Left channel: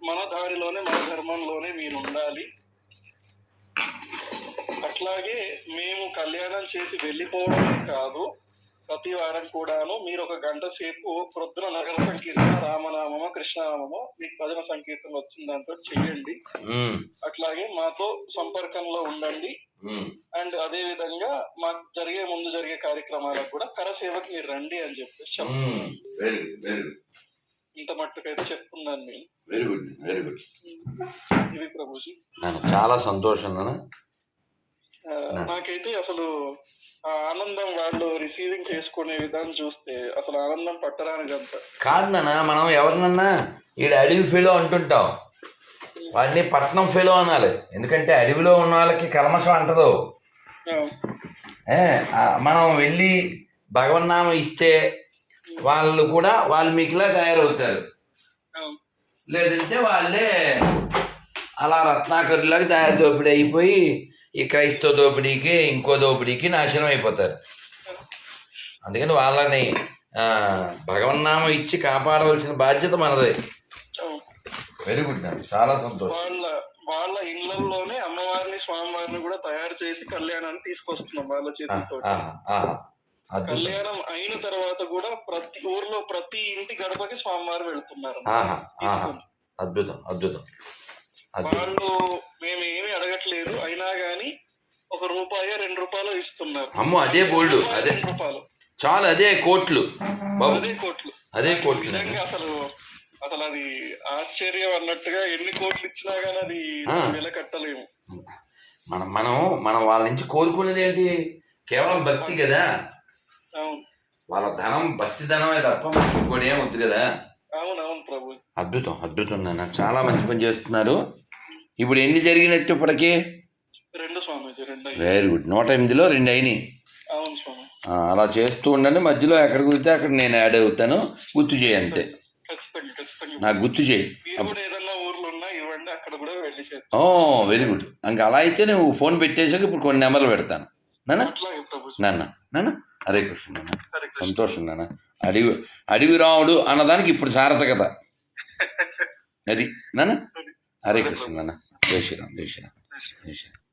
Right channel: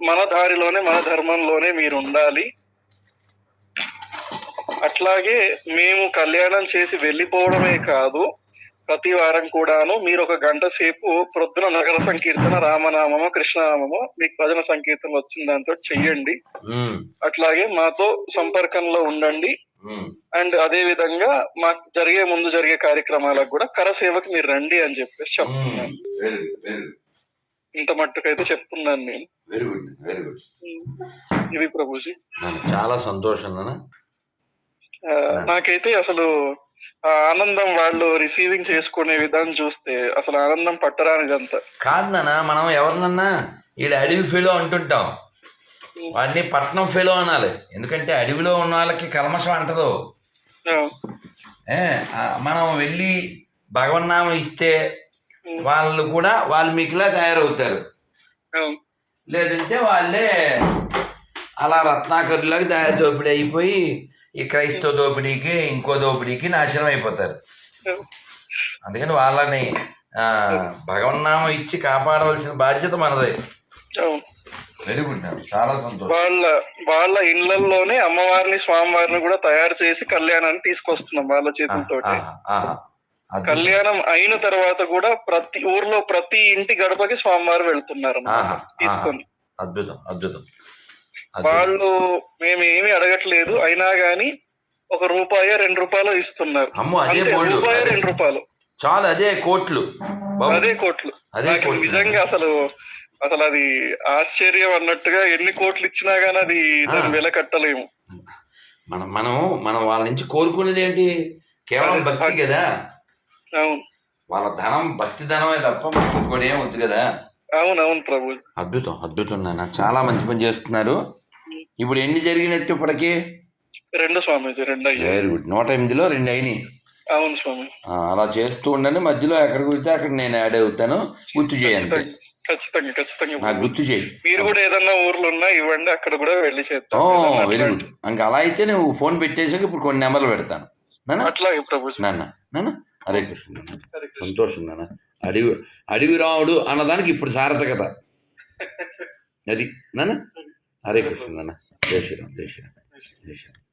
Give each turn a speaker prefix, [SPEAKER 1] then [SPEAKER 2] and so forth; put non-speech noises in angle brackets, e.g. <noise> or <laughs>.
[SPEAKER 1] మన దారిలోనే మన ధర్మంలోనే మీరు ఉండాలి అట్లాగే మేము కళ్యాణం చేసి వెళ్ళిపోవడమే కాదు ప్రతి వారం కూడాను మీరు ఒక గంట సేపు ప్రొద్దున నగర సంకీర్తన రామనామము కృష్ణనామము మీకు భజన సంకీర్తన వచ్చిన దాంతో చెయ్యండి. అట్లాగే మాతో సంపర్కంలో ఉండండి. అండ్ అదే విధంగా మాకు జరిగే ముందు జరిగే కార్యక్రమాలకు కూడా కరసేవకు మీరు రండి అని చెప్పేసి చెప్తున్నాను. ఇంత మట్టుకైతే చెప్తున్నాను నేను.
[SPEAKER 2] వెరీ గుడ్ వెరీ గుడ్
[SPEAKER 1] ఇది ప్రభుజీ.
[SPEAKER 2] నాన్న చాలా సంతోషం నాన్న.
[SPEAKER 1] నాకైతే అసలు ఆనందం వాళ్ళు రిసీవింగ్ చేసుకునే విధానం చూస్తే అసలు ఆనందం పట్టరానిదంతా
[SPEAKER 2] కాదు నాన్న మనం ఎవరినన్నా ఈడ అడవి ఫెలో అంటుంటాం. వాడిని పట్నం ఫెలో అనాలి. ఎందుకంటే అడవిలో ఉన్న వాళ్ళకి కల్మషం అంటదు. మనం వెళ్ళి భగవన్నామం ఇస్తే వాళ్ళు కూడా వాల్మీకిలా తయారవుతారు
[SPEAKER 1] ఆ,
[SPEAKER 2] లేదంటే వాళ్ళే అలా రత్నాకరులాగా తయారు దోపిడీ అయిపోయి ఈ క్రైస్తవ దోపిడీకి ఇంకో దోపిడీకి నాశనం అయిపోతారు. అందుకని వాళ్ళని ఆ, భగవన్నామం ఇచ్చి కాపాడవలసిన బాధ్యత మనదే. వెరీ గుడ్ చాలా సంతోషం
[SPEAKER 1] వాళ్ళ వాళ్ళ ఇళ్ళలోనే అమ్మవారిని స్వామివారిని కూడా తయారు చేసి కళ్యాణాన్ని తీసుకొస్తున్నాం వాళ్ళ చేతులతో. కళ్యాణం అయిన తర్వాత కూడా ప్రతి ఊర్లో ప్రతి ఇంటి గడపకి స్వామివారు వెళ్తున్నారు తీసుకొని.
[SPEAKER 2] అద్భుతం అద్భుతం.
[SPEAKER 1] వాళ్ళు మేము ఏమి అడగట్లేదు. అయినా గాని ఒక రూపాయి రెండు రూపాయలు ఇస్తున్నారు. రూపాయి రెండు రూపాయలు.
[SPEAKER 2] చాలు అదే కోట్లు.
[SPEAKER 1] అదే కోట్లు.
[SPEAKER 2] అదే కోట్లు.
[SPEAKER 1] నిజంగా అసలు అసలు అది ఆశ్చర్యం అన్నట్టుగా ఎన్ని కోట్లు ఇచ్చినా గానీ అది. వెల కట్టలేము.
[SPEAKER 2] మనం మనం మనం వాళ్ళ నుంచి కోరుకునేది ఏంటి? కేవలం భక్తి కదా.
[SPEAKER 1] అవును.
[SPEAKER 2] వాళ్ళ ధనం భక్తి ధనమే తప్ప ఇంకోటి ఏం వద్దు కదా?
[SPEAKER 1] అవును అవును ప్రభు.
[SPEAKER 2] అద్భుతం అద్భుతం నాన్న. చాలా మంచి పని చేస్తున్నారు. ఇప్పుడు ఎన్ని జరిగినట్టు ఇప్పటికి?
[SPEAKER 1] రెండు స్వామీజీ రెండు
[SPEAKER 2] వెరీ గుడ్ నూట ఎనిమిదిలో రెండు అయినాయి.
[SPEAKER 1] అవును స్వామి.
[SPEAKER 2] అలా చేస్తూ ఉండండి. మధ్యలో ఎక్కడ కుదిరితే అక్కడ నేను యాడ్ అవుతాను. గుర్తు చేయి అంతే
[SPEAKER 1] ఖచ్చితంగా ఖచ్చితంగా.
[SPEAKER 2] నాకు గుర్తు చేయి.
[SPEAKER 1] మీరు కూడా ఏదన్నా ఊర్లో ఉన్నా ఇవ్వండి. అక్కడ కూడా వెళ్ళి చేద్దాం
[SPEAKER 2] వెరీ గుడ్ ఇంకా అలా అయితే నువ్వు ఫోన్ పెట్టేసాక ఇప్పుడు కొన్ని నెంబర్లు పెడతాను. నాన్న నాన్న నాన్న హరే కృష్ణ నాన్న. సంతోషం నాన్న అడివి అడివి రాముడు అన్నదానికి ఇప్పుడు సార్థకత <laughs> అది నాన్న హరే కృష్ణ నాన్న జై శ్రీరామ్ జై శ్రీరామ్. జై శ్రీరామ్.